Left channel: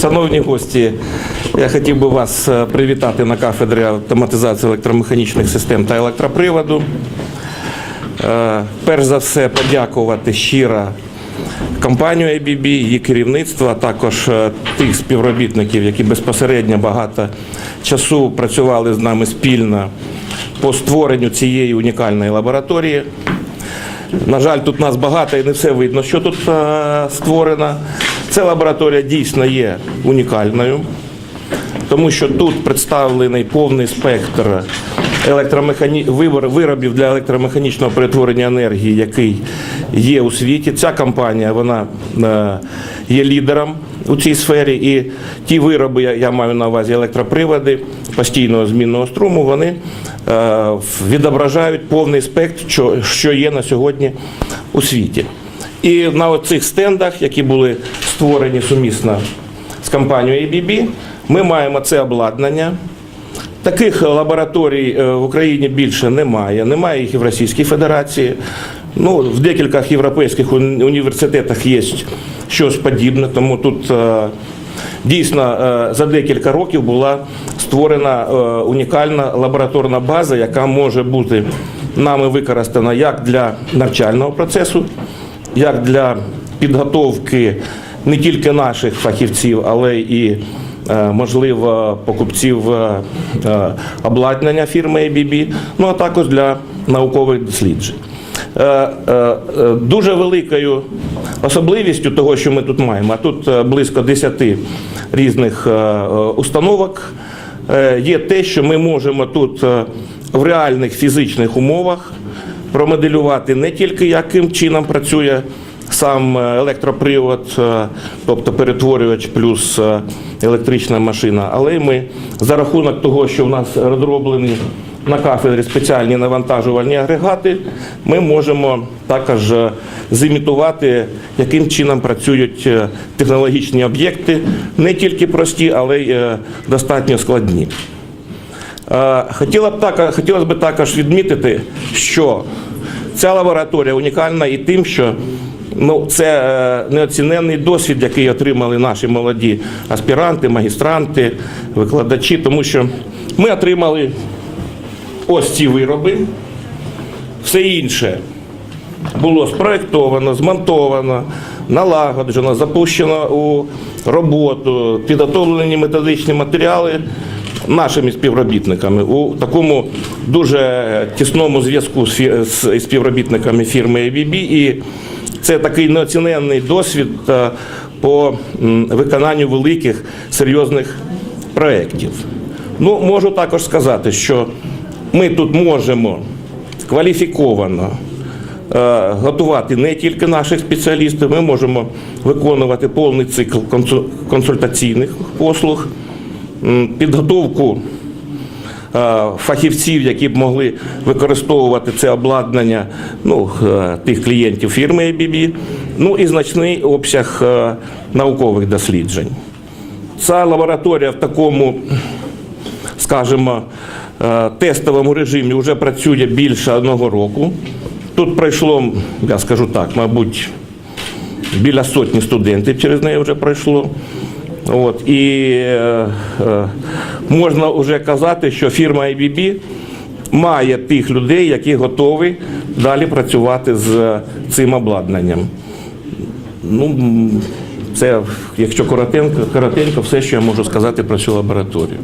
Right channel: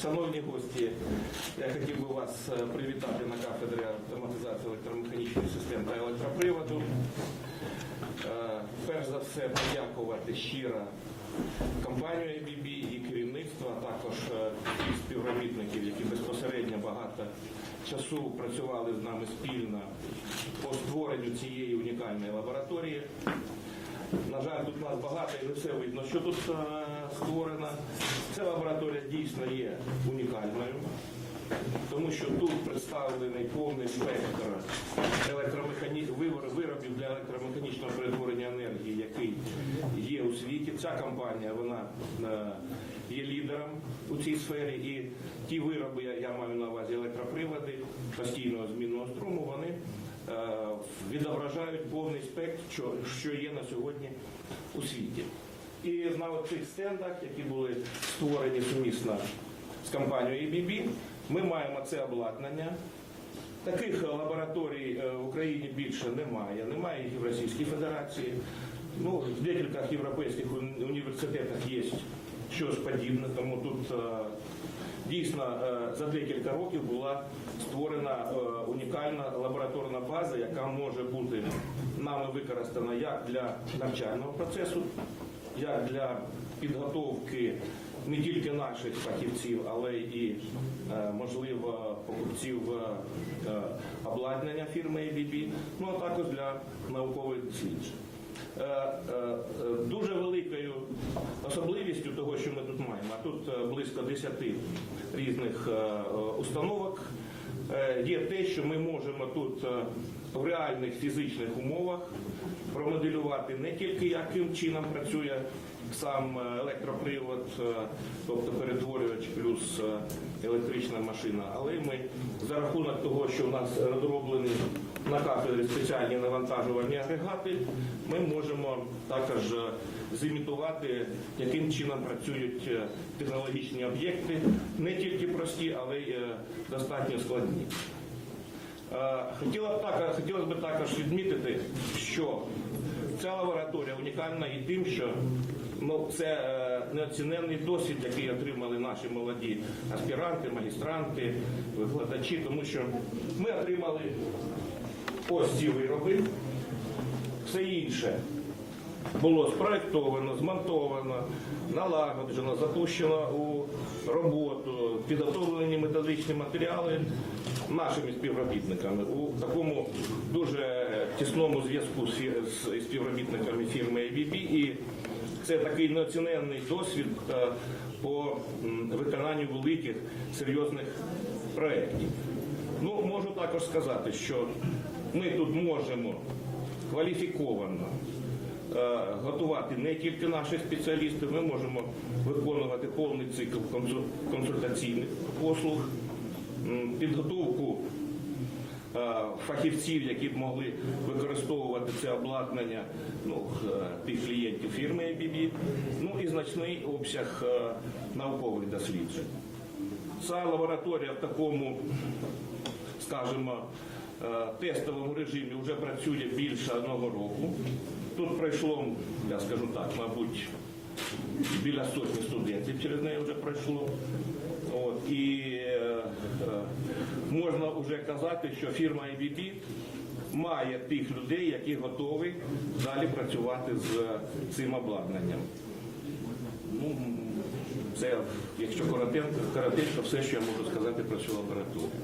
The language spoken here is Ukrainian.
Шановні гості, я хотів би вас е, привітати на кафедрі автоматизації електромеханічних систем та електроприводу. Е, Перш за все, подякувати щиро компанію ABB, її керівництво, а також е, тих співробітників, які безпосередньо багато часу працювали з нами спільно по створенню цієї унікальної лабораторії. На жаль, тут нас багато і не все видно, що тут створено. Ця лабораторія дійсно є унікальною, тому що тут представлений повний спектр електромехані... виробів для електромеханічного перетворення енергії, який є у світі. Ця компанія вона е, є лідером у цій сфері, і ті вироби, я- маю на увазі електроприводи постійного змінного струму, вони е, відображають повний спектр, що, є на сьогодні у світі. І на цих стендах, які були створені сумісно з компанією ABB, ми маємо це обладнання. Таких лабораторій е, в Україні більше немає. Немає їх і в Російській Федерації. Ну, в декількох європейських університетах є щось подібне, тому тут е, дійсно е, за декілька років була створена унікальна лабораторна база, яка може бути нами використана як для навчального процесу, як для підготовки не тільки наших фахівців, але і е, можливо покупців е, е, обладнання фірми ABB, ну а також для наукових досліджень. Дуже великою особливістю того, що ми тут маємо, а тут близько 10 різних установок, є те, що ми можемо тут в реальних фізичних умовах промоделювати не тільки яким чином працює сам е, електропривод, е, тобто перетворювач плюс е, електрична машина, але ми за рахунок того, що в нас розроблені на кафедрі спеціальні навантажувальні агрегати, ми можемо також зімітувати, яким чином працюють технологічні об'єкти, не тільки прості, але й достатньо складні. Хотіла б так, хотілося б також відмітити, що ця лабораторія унікальна і тим, що ну, це е, неоціненний досвід, який отримали наші молоді аспіранти, магістранти, викладачі, тому що ми отримали ось ці вироби, все інше було спроєктовано, змонтовано, налагоджено, запущено у роботу, підготовлені методичні матеріали нашими співробітниками у такому дуже тісному зв'язку з співробітниками фірми ABB. І це такий неоціненний досвід е, по виконанню великих серйозних проєктів. Ну, можу також сказати, що ми тут можемо кваліфіковано е, готувати не тільки наших спеціалістів, ми можемо виконувати повний цикл консультаційних послуг, підготовку фахівців, які б могли використовувати це обладнання ну, е, тих клієнтів фірми ABB, ну і значний обсяг е, наукових досліджень. Ця лабораторія в такому скажімо, е, тестовому режимі вже працює більше одного року. Тут пройшло, я скажу так, мабуть, біля сотні студентів через неї вже пройшло. От, і е, е, можна вже казати, що фірма IBB має тих людей, які готові далі працювати з цим обладнанням. Ну, це, якщо коротенько, коротенько, все, що я можу сказати про цю лабораторію.